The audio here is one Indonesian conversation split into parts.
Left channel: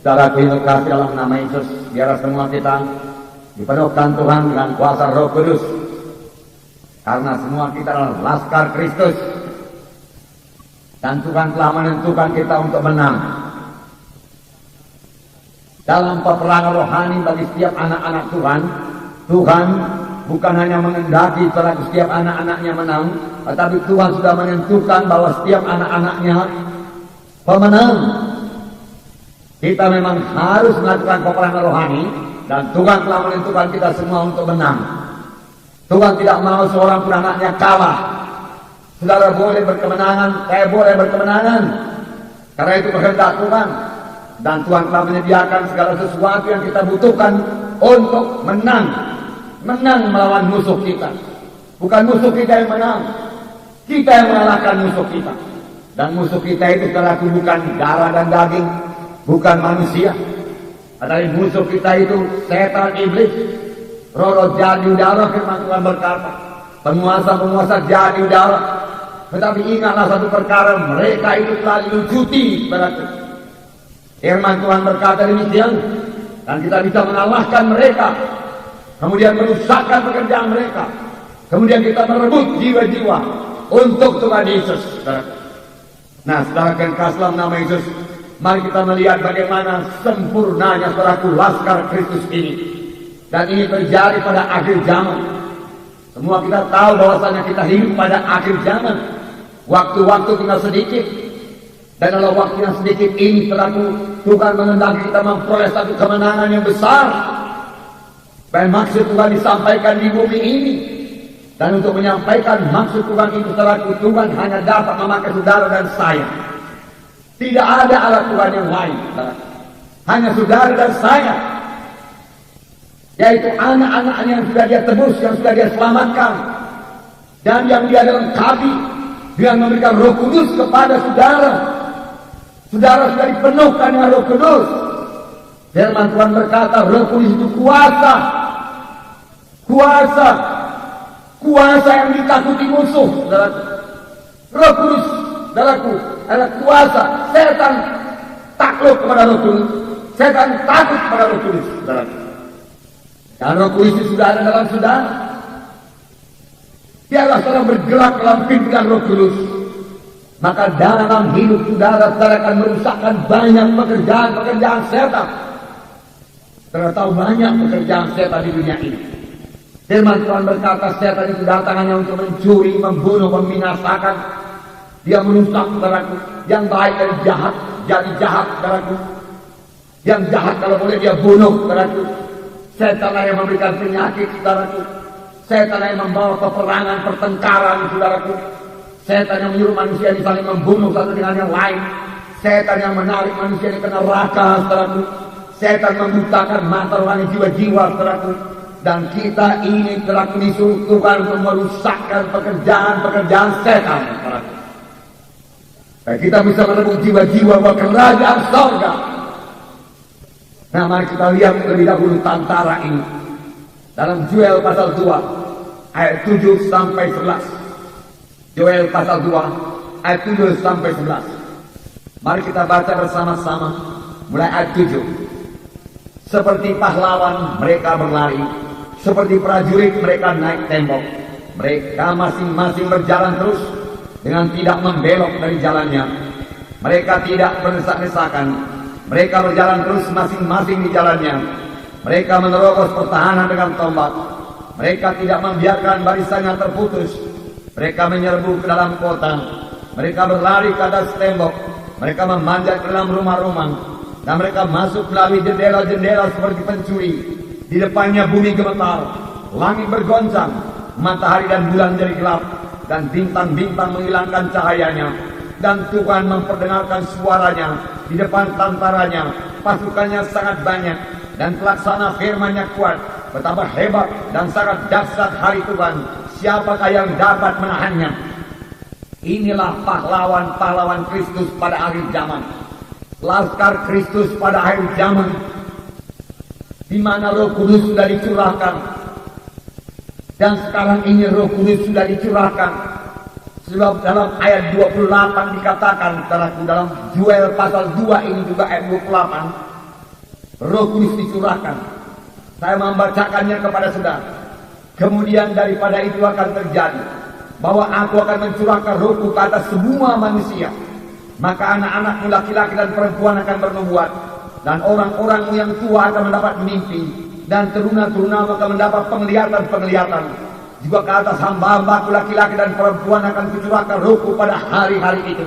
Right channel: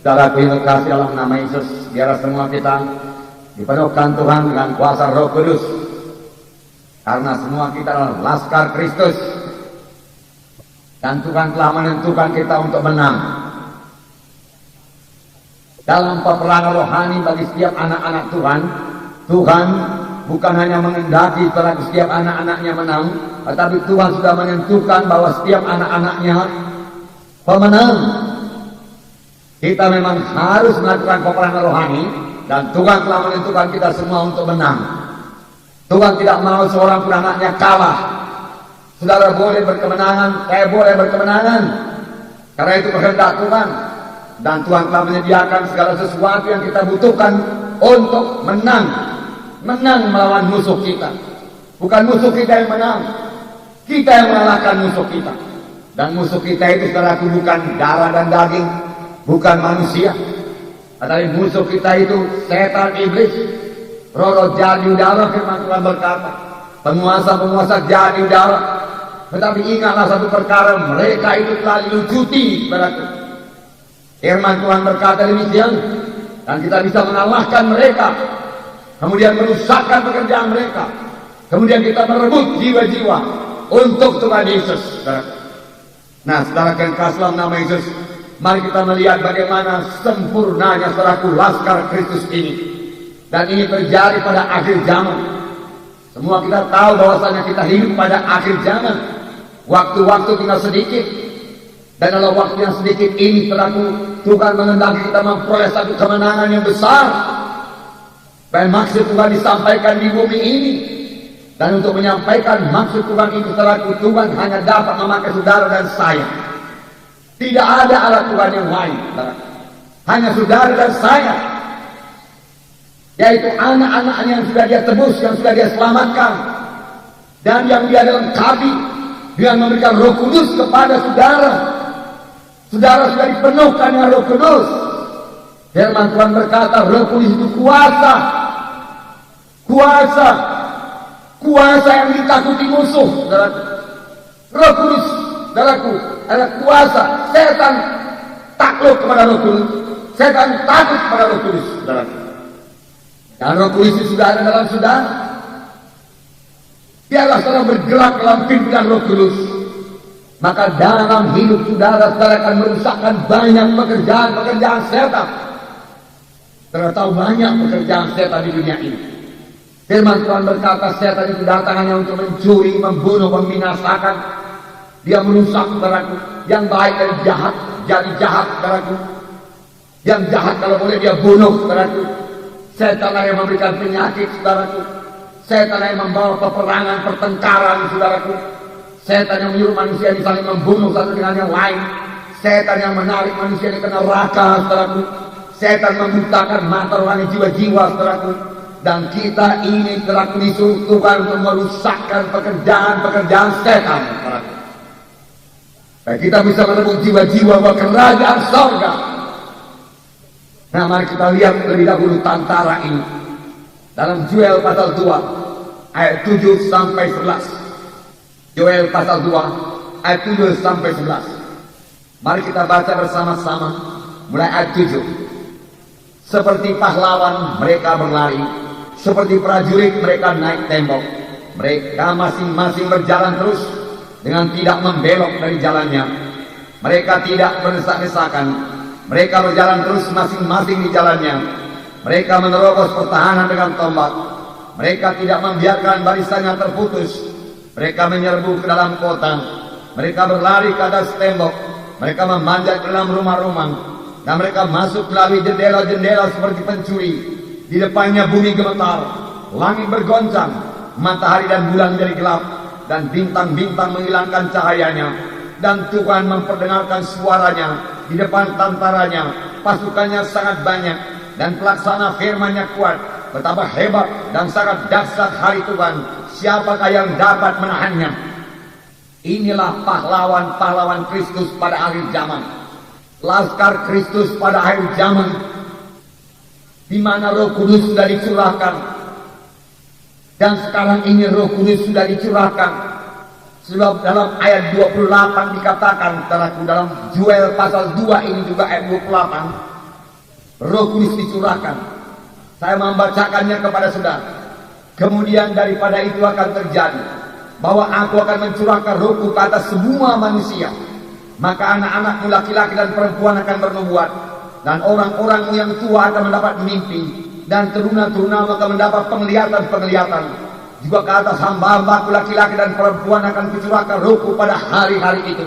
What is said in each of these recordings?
Saudara terima kasih dalam nama Yesus, biarlah semua kita dipenuhkan Tuhan dengan kuasa Roh Kudus. Karena semua kita adalah laskar Kristus. Dan Tuhan telah menentukan kita untuk menang dalam peperangan rohani bagi setiap anak-anak Tuhan. Tuhan bukan hanya mengendaki terhadap setiap anak-anaknya menang, tetapi Tuhan sudah menentukan bahwa setiap anak-anaknya pemenang. Kita memang harus melakukan peperangan rohani, dan Tuhan telah menentukan kita semua untuk menang. Tuhan tidak mau seorang pun anaknya kalah. Saudara boleh berkemenangan, saya boleh berkemenangan, karena itu kehendak Tuhan. Dan Tuhan telah menyediakan segala sesuatu yang kita butuhkan untuk menang. Menang melawan musuh kita. Bukan musuh kita yang menang, kita yang mengalahkan musuh kita. Dan musuh kita itu saudaraku bukan darah dan daging, bukan manusia, tetapi musuh kita itu setan iblis, roh jadi udara. Firman Tuhan berkata, penguasa-penguasa jadi udara. Tetapi ingatlah satu perkara, mereka itu telah dilucuti. Firman Tuhan berkata demikian, dan kita bisa mengalahkan mereka, kemudian merusakkan pekerjaan mereka, kemudian kita merebut jiwa-jiwa untuk Tuhan Yesus. Nah, saudara yang kasih dalam nama Yesus, mari kita melihat bagaimana sempurnanya saudaraku laskar Kristus ini. Dan ini terjadi pada akhir zaman. Semua kita tahu bahwasanya kita hidup pada akhir zaman. Waktu-waktu tinggal sedikit. Dan dalam waktu yang sedikit ini saudaraku, Tuhan menghendaki kita memperoleh satu kemenangan yang besar. Dan maksud Tuhan disampaikan di bumi ini. Dan untuk menyampaikan maksud Tuhan ini saudaraku, Tuhan hanya dapat memakai saudara dan saya. Tidak ada alat Tuhan yang lain. Hanya saudara dan saya. Yaitu anak-anaknya yang sudah dia tebus, yang sudah dia selamatkan. Dan yang dia lengkapi. Dia memberikan Roh Kudus kepada saudara. Saudara sudah dipenuhkan dengan Roh Kudus. Firman Tuhan berkata, Roh Kudus itu kuasa. Kuasa. Kuasa yang ditakuti musuh. Roh Kudus, saudaraku, adalah kuasa. Setan takluk kepada Roh Kudus. Setan takut kepada Roh Kudus, saudaraku. Dan Roh Kudus itu sudah ada dalam saudara. Biarlah saudara bergerak dalam pimpinan Roh Kudus. Maka dalam hidup saudara akan merusakkan banyak pekerjaan-pekerjaan setan. Saudara tahu banyak pekerjaan setan di dunia ini. Firman Tuhan berkata, setan itu datang hanya untuk mencuri, membunuh, membinasakan. Dia merusak, saudaraku. Yang baik dari jahat, jadi jahat, saudaraku. Yang jahat kalau boleh dia bunuh, saudaraku. Setan yang memberikan penyakit, saudaraku. Setan yang membawa peperangan, pertengkaran, saudaraku. Setan yang menyuruh manusia saling membunuh satu dengan yang lain. Setan yang menarik manusia ke neraka, saudaraku. Setan membutakan mata orang jiwa-jiwa, saudaraku. Dan kita ini telah disuruh Tuhan untuk merusakkan pekerjaan-pekerjaan setan. Dan kita bisa merebut jiwa-jiwa ke kerajaan surga. Nah, mari kita lihat terlebih dahulu tantara ini. Dalam Joel pasal 2, ayat 7 sampai 11. Joel pasal 2, ayat 7 sampai 11. Mari kita baca bersama-sama mulai ayat 7. Seperti pahlawan mereka berlari, seperti prajurit mereka naik tembok. Mereka masing-masing berjalan terus dengan tidak membelok dari jalannya. Mereka tidak berdesak-desakan. Mereka berjalan terus masing-masing di jalannya. Mereka menerobos pertahanan dengan tombak. Mereka tidak membiarkan barisannya terputus. Mereka menyerbu ke dalam kota. Mereka berlari ke atas tembok. Mereka memanjat ke dalam rumah-rumah. Dan mereka masuk melalui jendela-jendela seperti pencuri. Di depannya bumi gemetar, langit bergoncang, matahari dan bulan menjadi gelap, dan bintang-bintang menghilangkan cahayanya. Dan Tuhan memperdengarkan suaranya di depan tantaranya. Pasukannya sangat banyak, dan pelaksana firman-Nya kuat. Betapa hebat dan sangat dahsyat hari Tuhan. Siapakah yang dapat menahannya? Inilah pahlawan-pahlawan Kristus pada akhir zaman. Laskar Kristus pada akhir zaman, di mana Roh Kudus sudah dicurahkan. Dan sekarang ini Roh Kudus sudah dicurahkan. Sebab dalam ayat 28 dikatakan, dalam Joel pasal 2 ini juga ayat 28, Roh Kudus dicurahkan. Saya membacakannya kepada saudara. Kemudian daripada itu akan terjadi bahwa aku akan mencurahkan rohku ke atas semua manusia. Maka anak-anakmu laki-laki dan perempuan akan bernubuat, dan orang-orang yang tua akan mendapat mimpi, dan teruna-terunamu akan mendapat penglihatan-penglihatan. Juga ke atas hamba-hambaku laki-laki dan perempuan akan kucurahkan rohku pada hari-hari itu.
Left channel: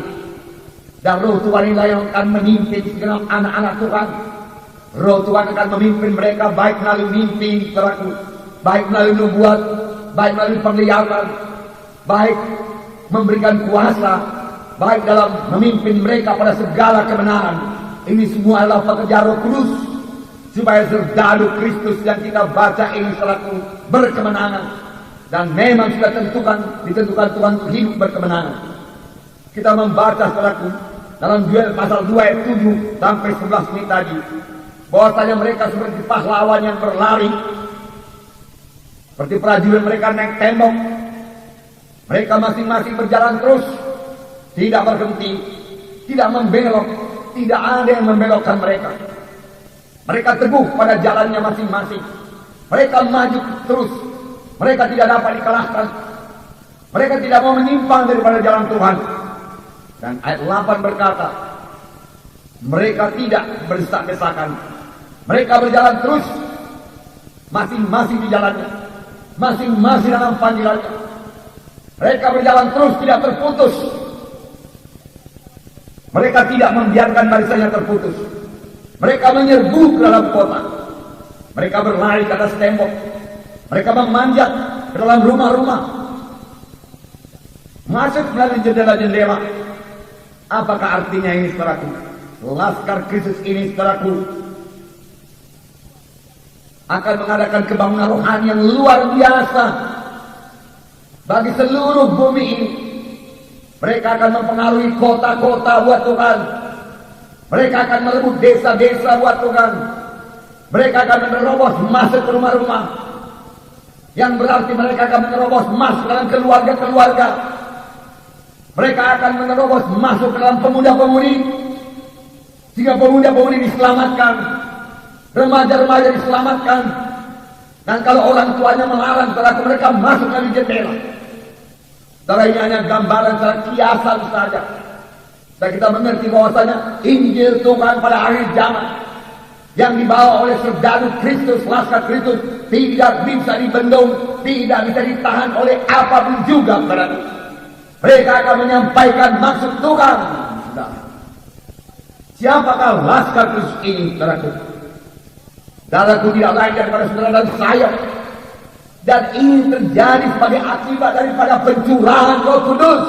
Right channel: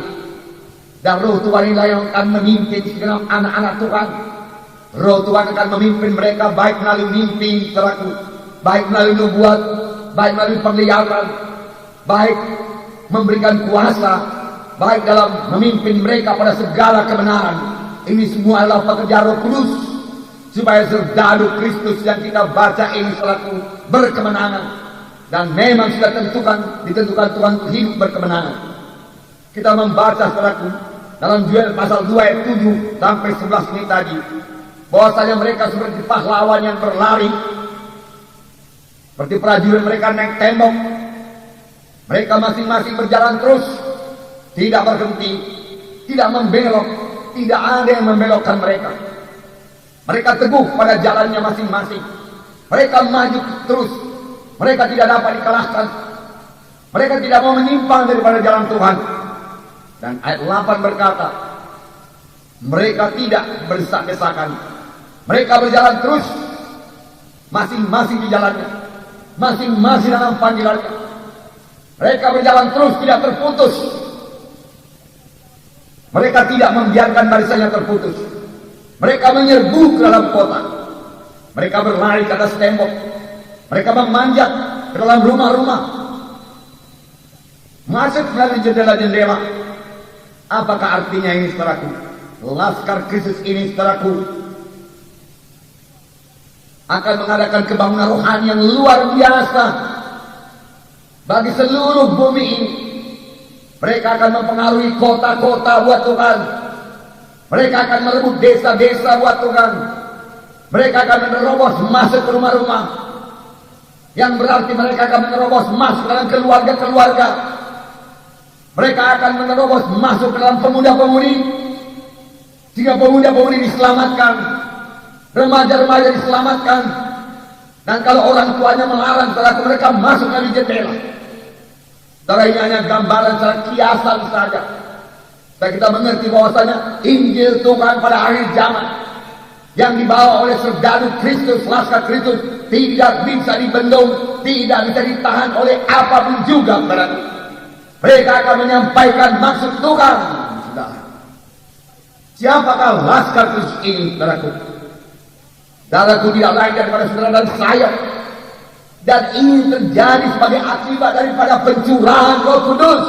Dan roh Tuhan inilah yang akan memimpin segenap anak-anak Tuhan. Roh Tuhan akan memimpin mereka baik melalui mimpi, saudaraku, baik melalui nubuat, baik melalui penglihatan, baik memberikan kuasa, baik dalam memimpin mereka pada segala kebenaran. Ini semua adalah pekerjaan Roh Kudus, supaya serdadu Kristus yang kita baca ini selaku berkemenangan. Dan memang sudah ditentukan Tuhan hidup berkemenangan. Kita membaca selaku dalam Yoel pasal 2 ayat 7 sampai 11 ini tadi, bahwasanya mereka seperti pahlawan yang berlari, seperti prajurit mereka naik tembok. Mereka masing-masing berjalan terus, tidak berhenti, tidak membelok, tidak ada yang membelokkan mereka. Mereka teguh pada jalannya masing-masing. Mereka maju terus. Mereka tidak dapat dikalahkan. Mereka tidak mau menyimpang daripada jalan Tuhan. Dan ayat 8 berkata, mereka tidak berdesak-desakan. Mereka berjalan terus, masing-masing di jalannya, masing-masing dalam panggilannya. Mereka berjalan terus, tidak terputus. Mereka tidak membiarkan barisannya terputus. Mereka menyerbu ke dalam kota. Mereka berlari ke atas tembok. Mereka memanjat ke dalam rumah-rumah. Masuk melalui jendela-jendela. Apakah artinya ini, saudaraku? Laskar Kristus ini, saudaraku, akan mengadakan kebangunan rohani yang luar biasa bagi seluruh bumi ini. Mereka akan mempengaruhi kota-kota buat Tuhan. Mereka akan merebut desa-desa buat Tuhan. Mereka akan menerobos masuk ke rumah-rumah. Yang berarti mereka akan menerobos masuk dalam keluarga-keluarga. Mereka akan menerobos masuk ke dalam pemuda-pemudi. Sehingga pemuda-pemudi diselamatkan. Remaja-remaja diselamatkan. Dan kalau orang tuanya melarang, mereka masuk dari jendela. Setelah ini hanya gambaran secara kiasan saja. Dan kita mengerti bahwasanya Injil Tuhan pada akhir zaman yang dibawa oleh serdadu Kristus, laskar Kristus, tidak bisa dibendung, tidak bisa ditahan oleh apapun juga. Mereka akan menyampaikan maksud Tuhan. Siapakah laskar Kristus ini, saudaraku? Saudaraku tidak lain daripada saudara dan saya. Dan ini terjadi sebagai akibat daripada pencurahan Roh Kudus.